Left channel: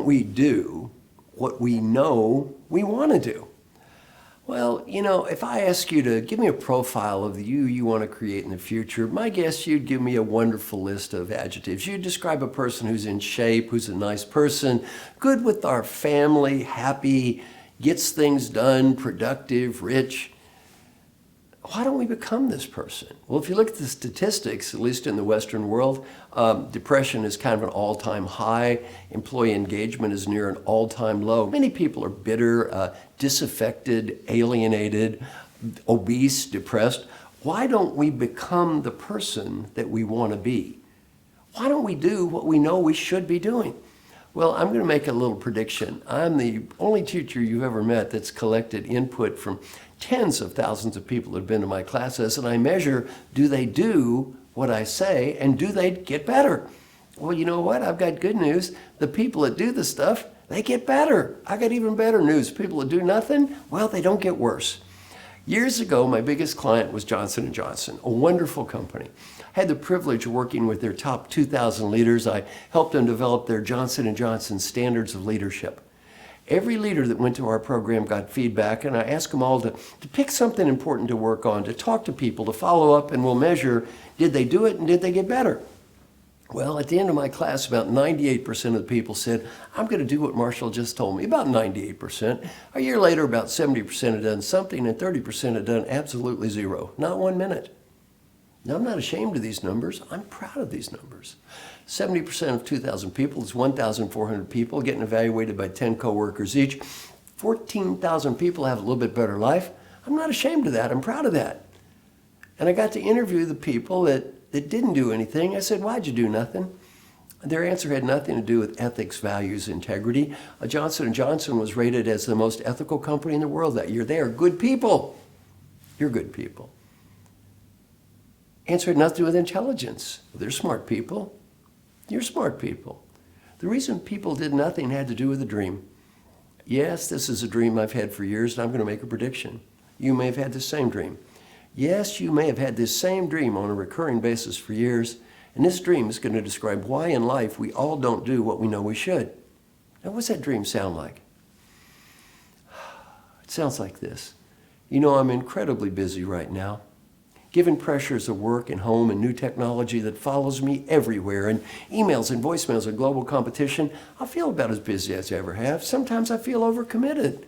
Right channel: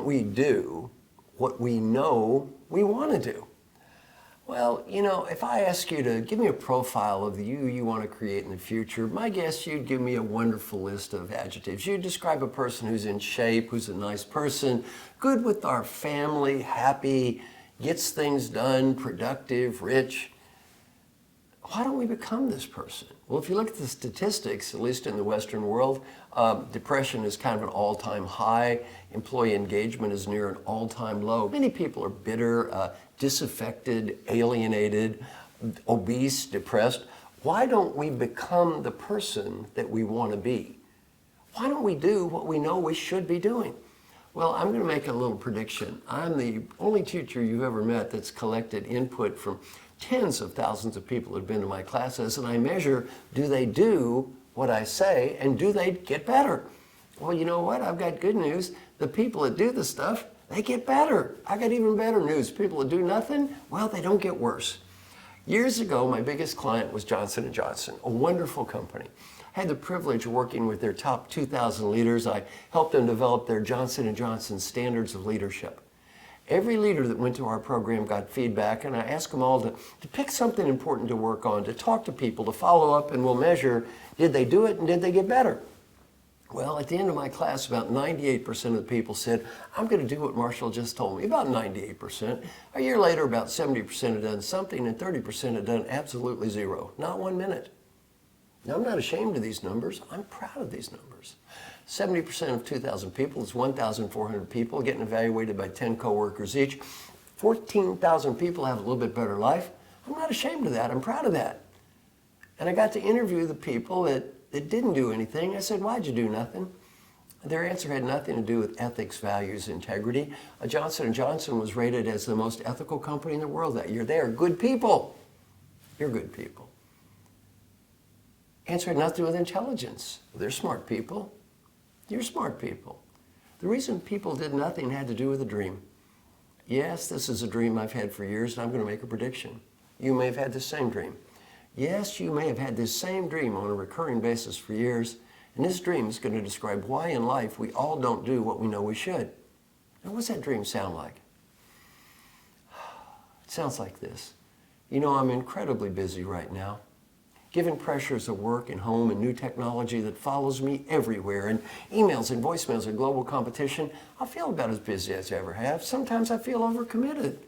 don't we do what we know we want to do? Well, you know, if I ask you to give me a profile of the you want to create in the future, my guess you'd give me a wonderful list of adjectives. You'd describe a person who's in shape, who's a nice person, good with our family, happy, gets things done, productive, rich. Why don't we become this person? Well, if you look at the statistics, at least in the Western world, depression is kind of an all-time high. Employee engagement is near an all-time low. Many people are bitter, disaffected, alienated, obese, depressed. Why don't we become the person that we want to be? Why don't we do what we know we should be doing? Well, I'm going to make a little prediction. I'm the only teacher you've ever met that's collected input from tens of thousands of people that have been to my classes, and I measure, do they do what I say, and do they get better? Well, you know what? I've got good news. The people that do the stuff, they get better. I got even better news. People that do nothing, well, they don't get worse. Years ago, my biggest client was Johnson & Johnson, a wonderful company. I had the privilege of working with their top 2,000 leaders. I helped them develop their Johnson & Johnson standards of leadership. Every leader that went to our program got feedback, and I asked them all to pick something important to work on, to talk to people, to follow up, and we'll measure, did they do it and did they get better? Well, at the end of my class, about 98% of the people said, I'm going to do what Marshall just told me, about 98%. A year later, about 70% had done something, and 30% had done absolutely zero, not 1 minute. Now, I'm not ashamed of these numbers. I'm proud of these numbers. 70% of 2,000 people is 1,400 people getting evaluated by 10 coworkers each. 14,000 people have a little bit better life. I'm not ashamed of that. I'm proud of that. And I got to interview the people that didn't do anything. I said, why'd you do nothing? Their answer had nothing to do with ethics, values, integrity. Johnson & Johnson was rated as the most ethical company in the world that year. They are good people. You're good people. Answer had nothing to do with intelligence. They're smart people. You're smart people. The reason people did nothing had to do with a dream. Yes, this is a dream I've had for years, and I'm going to make a prediction. You may have had the same dream. Yes, you may have had this same dream on a recurring basis for years, and this dream is going to describe why in life we all don't do what we know we should. Now, what's that dream sound like? It sounds like this. You know, I'm incredibly busy right now. Given pressures of work and home and new technology that follows me everywhere, and emails and voicemails and global competition, I feel about as busy as I ever have. Sometimes I feel overcommitted.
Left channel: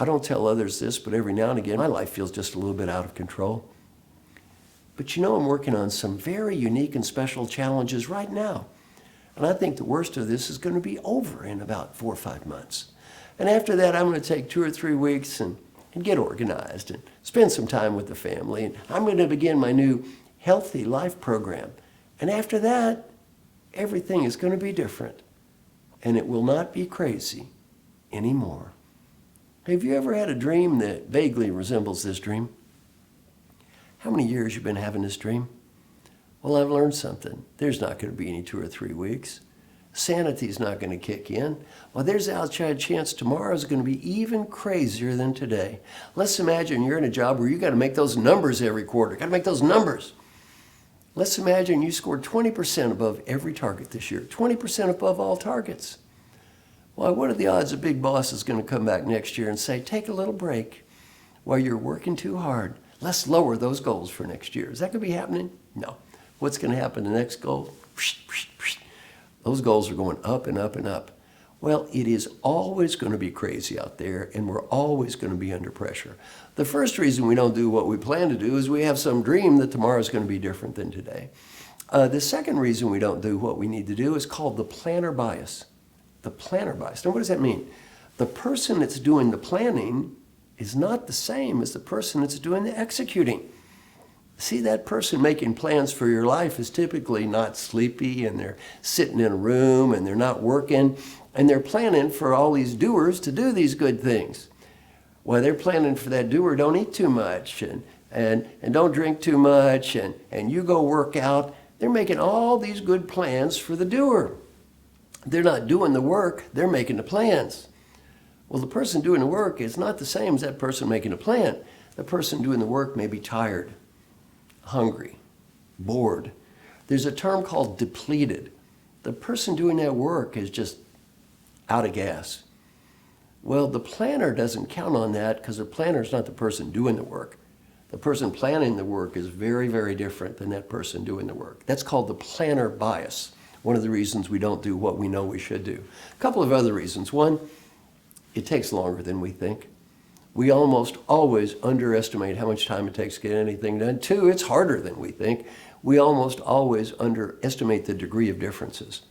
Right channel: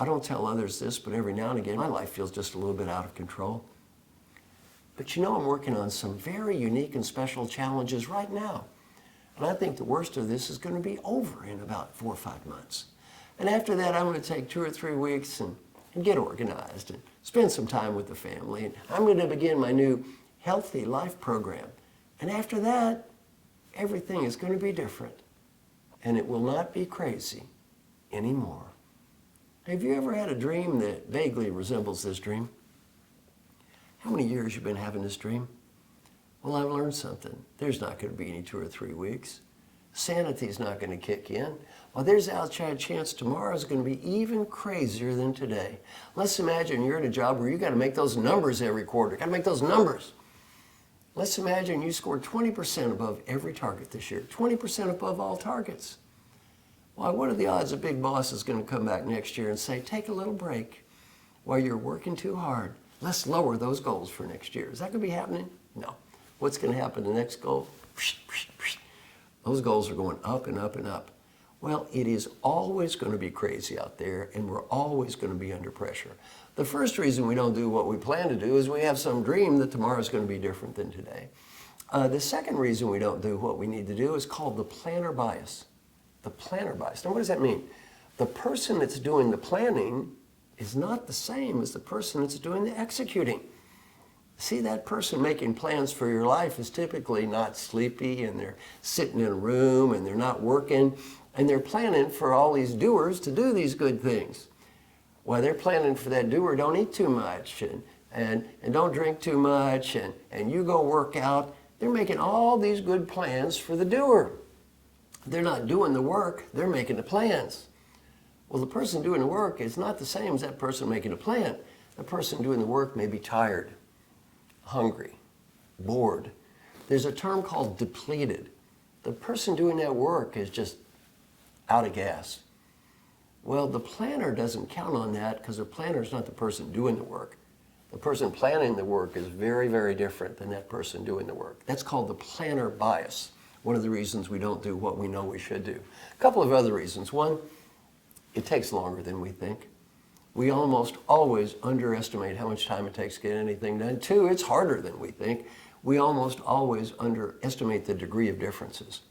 I don't tell others this, but every now and again, my life feels just a little bit out of control. But you know, I'm working on some very unique and special challenges right now. And I think the worst of this is going to be over in about 4 or 5 months. And after that, I'm going to take 2 or 3 weeks and get organized and spend some time with the family. And I'm going to begin my new Healthy Life program. And after that, everything is going to be different. And it will not be crazy anymore. Have you ever had a dream that vaguely resembles this dream? How many years you've been having this dream? Well, I've learned something. There's not going to be any 2 or 3 weeks. Sanity's not going to kick in. Well, there's an outside chance tomorrow is going to be even crazier than today. Let's imagine you're in a job where you got to make those numbers every quarter. Got to make those numbers. Let's imagine you scored 20% above every target this year. 20% above all targets. Well, what are the odds a big boss is going to come back next year and say, take a little break while you're working too hard. Let's lower those goals for next year. Is that going to be happening? No. What's going to happen to the next goal? Those goals are going up and up and up. Well, it is always going to be crazy out there, and we're always going to be under pressure. The first reason we don't do what we plan to do is we have some dream that tomorrow is going to be different than today. The second reason we don't do what we need to do is called the planner bias. The planner bias. Now, what does that mean? The person that's doing the planning is not the same as the person that's doing the executing. See, that person making plans for your life is typically not sleepy, and they're sitting in a room and they're not working, and they're planning for all these doers to do these good things. Well, they're planning for that doer, don't eat too much and don't drink too much and you go work out. They're making all these good plans for the doer. They're not doing the work, they're making the plans. Well, the person doing the work is not the same as that person making a plan. The person doing the work may be tired, hungry, bored. There's a term called depleted. The person doing that work is just out of gas. Well, the planner doesn't count on that because the planner is not the person doing the work. The person planning the work is very, very different than that person doing the work. That's called the planner bias. One of the reasons we don't do what we know we should do. A couple of other reasons. One, it takes longer than we think. We almost always underestimate how much time it takes to get anything done. Two, it's harder than we think. We almost always underestimate the degree of differences.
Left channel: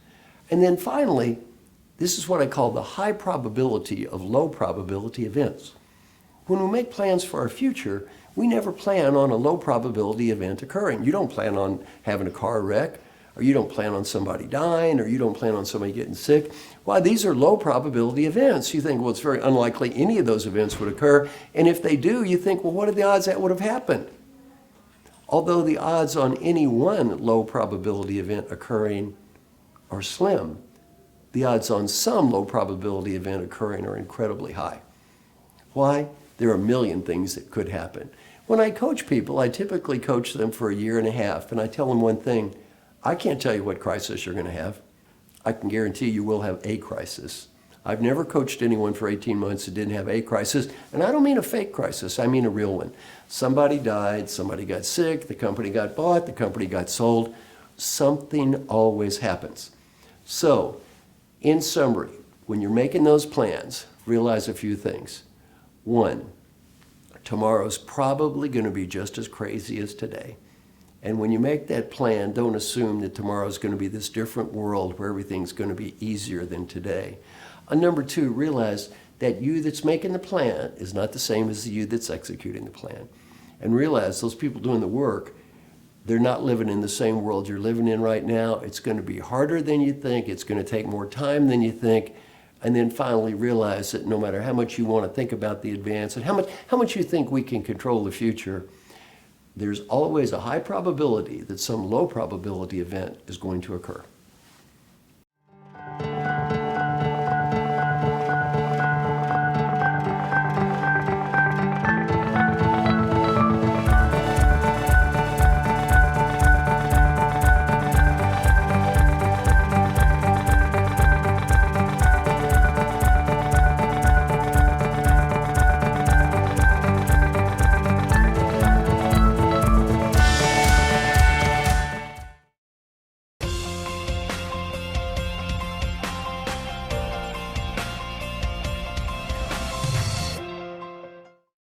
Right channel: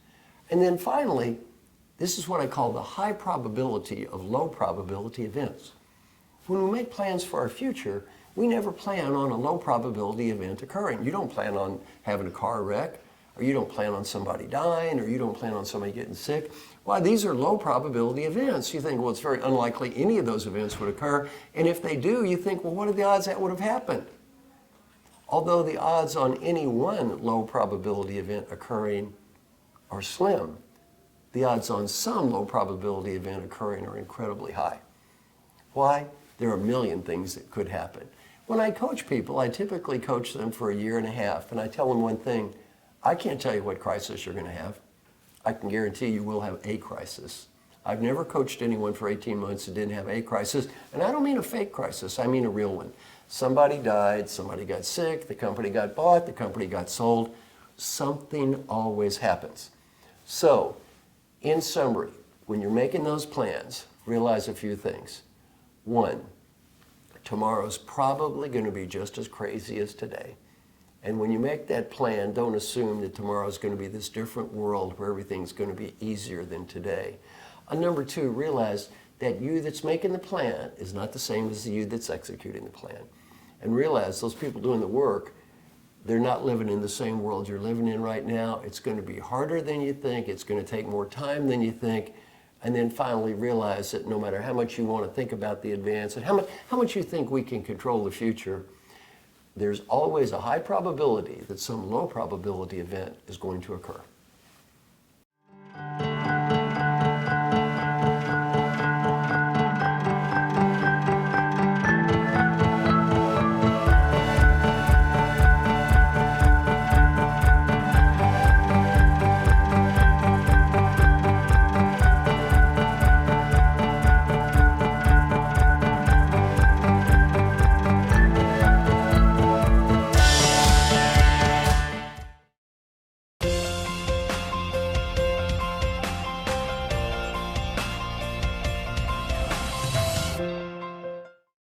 And then finally, this is what I call the high probability of low probability events. When we make plans for our future, we never plan on a low probability event occurring. You don't plan on having a car wreck, or you don't plan on somebody dying, or you don't plan on somebody getting sick. Why, these are low probability events. You think, well, it's very unlikely any of those events would occur. And if they do, you think, well, what are the odds that would have happened? Although the odds on any one low probability event occurring are slim, the odds on some low probability event occurring are incredibly high. Why? There are a million things that could happen. When I coach people, I typically coach them for a year and a half, and I tell them one thing: I can't tell you what crisis you're going to have. I can guarantee you will have a crisis. I've never coached anyone for 18 months that didn't have a crisis, and I don't mean a fake crisis, I mean a real one. Somebody died, somebody got sick, the company got bought, the company got sold. Something always happens. So, in summary, when you're making those plans, realize a few things. One, tomorrow's probably going to be just as crazy as today. And when you make that plan, don't assume that tomorrow's going to be this different world where everything's going to be easier than today. Number two, realize that you that's making the plan is not the same as the you that's executing the plan. And realize those people doing the work, they're not living in the same world you're living in right now. It's going to be harder than you think. It's going to take more time than you think. And then finally realize that no matter how much you want to think about the advance and how much you think we can control the future, there's always a high probability that some low probability event is going to occur.